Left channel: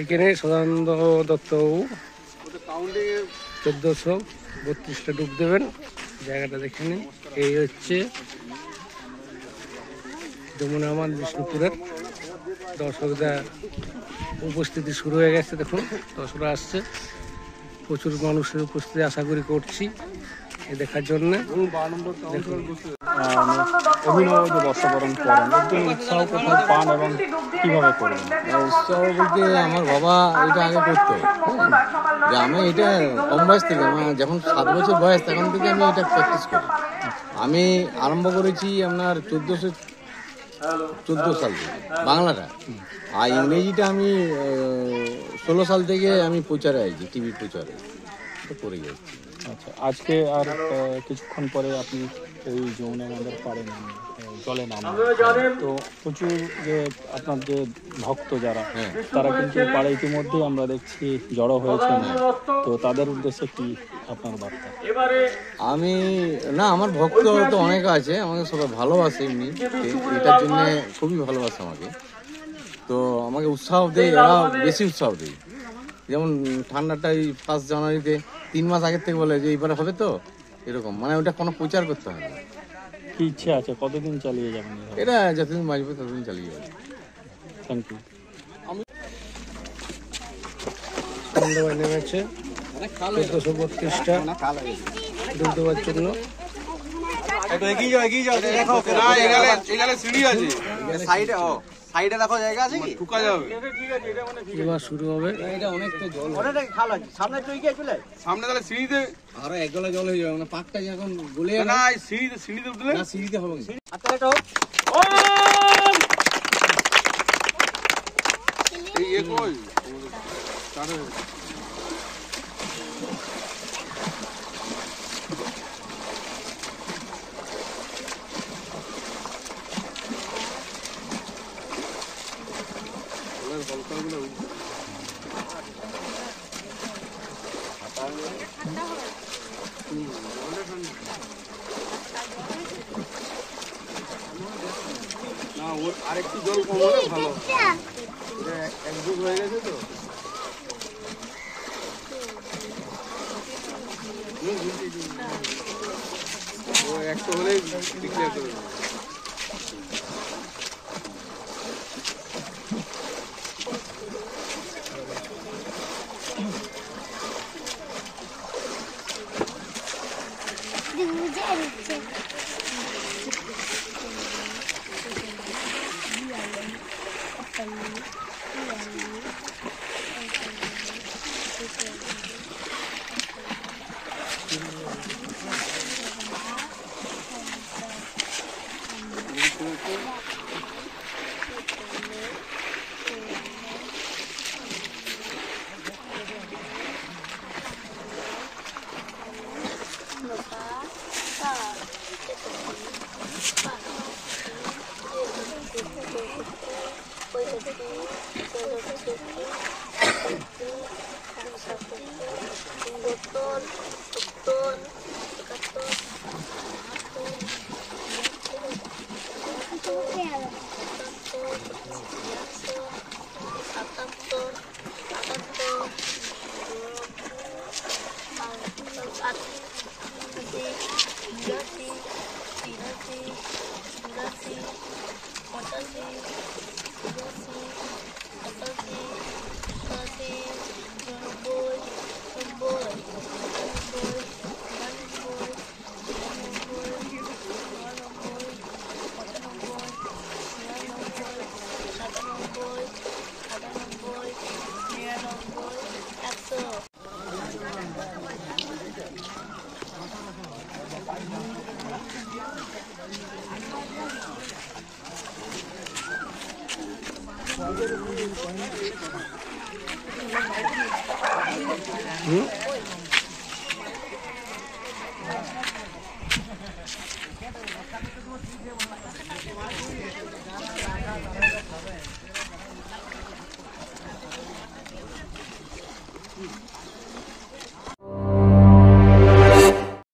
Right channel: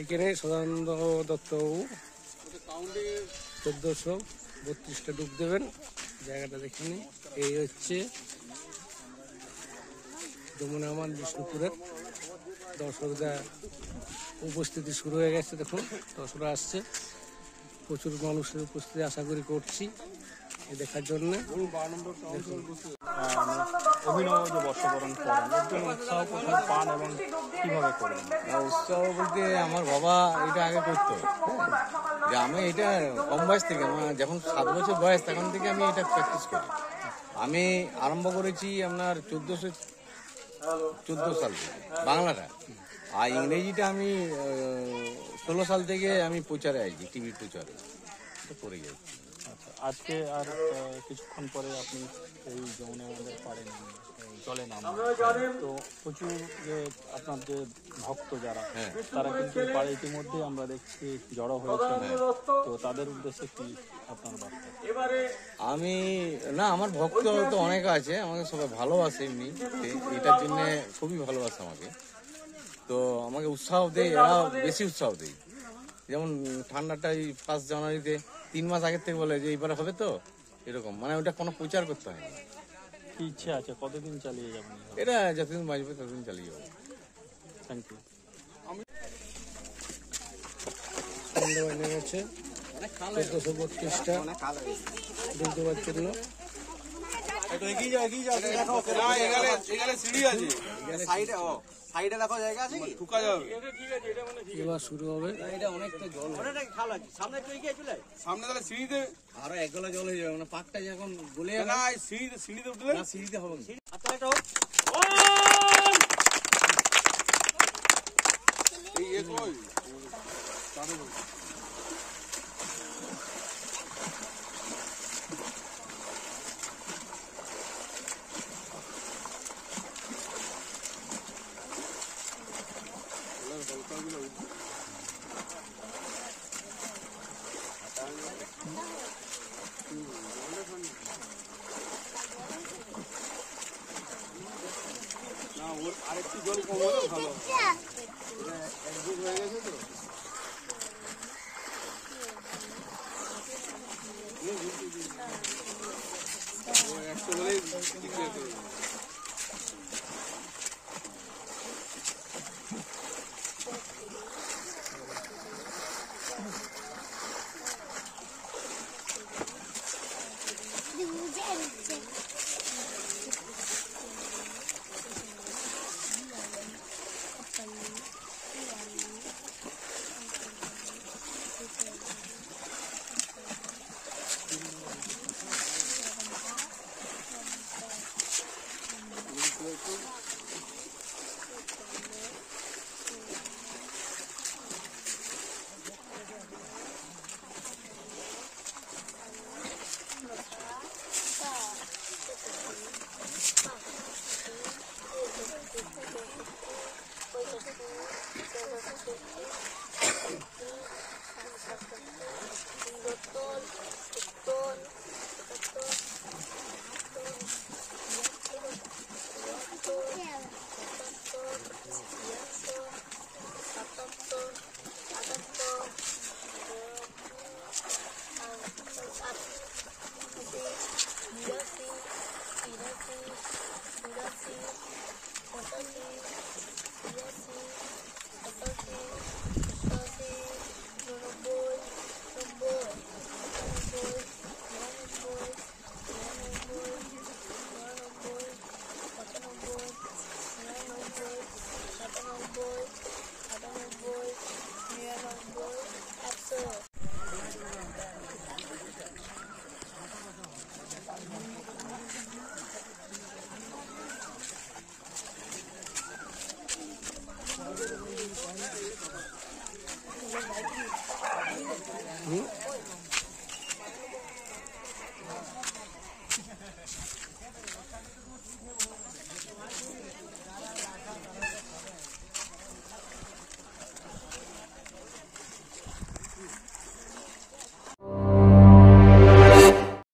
এখানে সদানন্দ দত্তবাবু 1432টা ডুব দেবেন। জায়গাটা দেখে নিন। এই হচ্ছে যমুনা আমার বিষ্ণুপুরের। দর্শকদের উপস্থিতি শুরু হয়ে গেছে, দেখুন দর্শকরা আসছে, প্রচুর মানুষের উপস্থিতি আশা করি করছি এ দেখার জন্য। অভিনব যে বর্ষবরণ করেন, একজন উৎসাহ কোথায় পান এবং কিভাবে করেন? উৎসাহ বলতে আমার বাবা এটা আগে করতো, যে আমি এটা কম বয়স থেকে, আমার যখন 7 বছর বয়স তখন থেকে আমি এটা প্র্যাকটিস করি। আমি আরম্ভ করেছি আপনার 1414 সাল থেকে বাংলাটা, আর ইংরেজিটা আমি 16 সাল থেকে আমি প্রচারে আছি, টিভি প্রচারে করে যাচ্ছি। আচ্ছা, আজকে আর কিছুক্ষণ পরে আপনি এই যমুনা নদের পাড়ে নামবেন, জলে নামবেন। তো প্রচুর যে আপনার যে ভক্ত যারা, তারা কিন্তু পাড়ে ইতিমধ্যেই আমরা দেখছি জড়ো হয়েছে। তো তাদের উদ্দেশ্যে কি আপনার বার্তা? আমি না, আমার ভক্ত তো অনেক আছে, আমাকে সবাই ভালোবাসে, এমনি এটার জন্য খুবই ভালোবাসে আমাকে। তো আমাকে উৎসাহ দেয়, এরা বেশি উৎসাহ দেয়। যেমন ঠান্ডাটা এই 1 জানুয়ারিতে 3 মাস আগের থেকে বলে যে এইবারে হবে, তো এরকম মানে ওটা কোনো প্রচার করতে হয় না। কি ইচ্ছে আছে, কতদিন চালিয়ে যাবেন এটা? যতদিন বাঁচবে ততদিন চালিয়ে যাবে। Thank you. সন্ধ্যাবাই নেমেছে 1432টা ডুব দেওয়ার জন্য। সাইডে দেখো জায়গা আছে কি? ঢুকা যাবে। এবার শুরু হবে। এটা অনেকটা জল, অনেকটা খাল আছে সামনে, তো এগিয়ে চলে সামনে, তাহলে সিঁড়িতে আরো 1 গলা জল হয়ে যাবে। মানে পাকটা যখন গলে যাবে না, সিঁড়িতে উঠলে না, সিঁড়িতে হবে। আচ্ছা, এটা হোক। এই এ কই তারে না, ওর আরেকটু জল কম হলে ভালো। এক যুগ হয়ে গেছে তো। ও একটু হলেই ডিক্লেয়ার করে দেবে।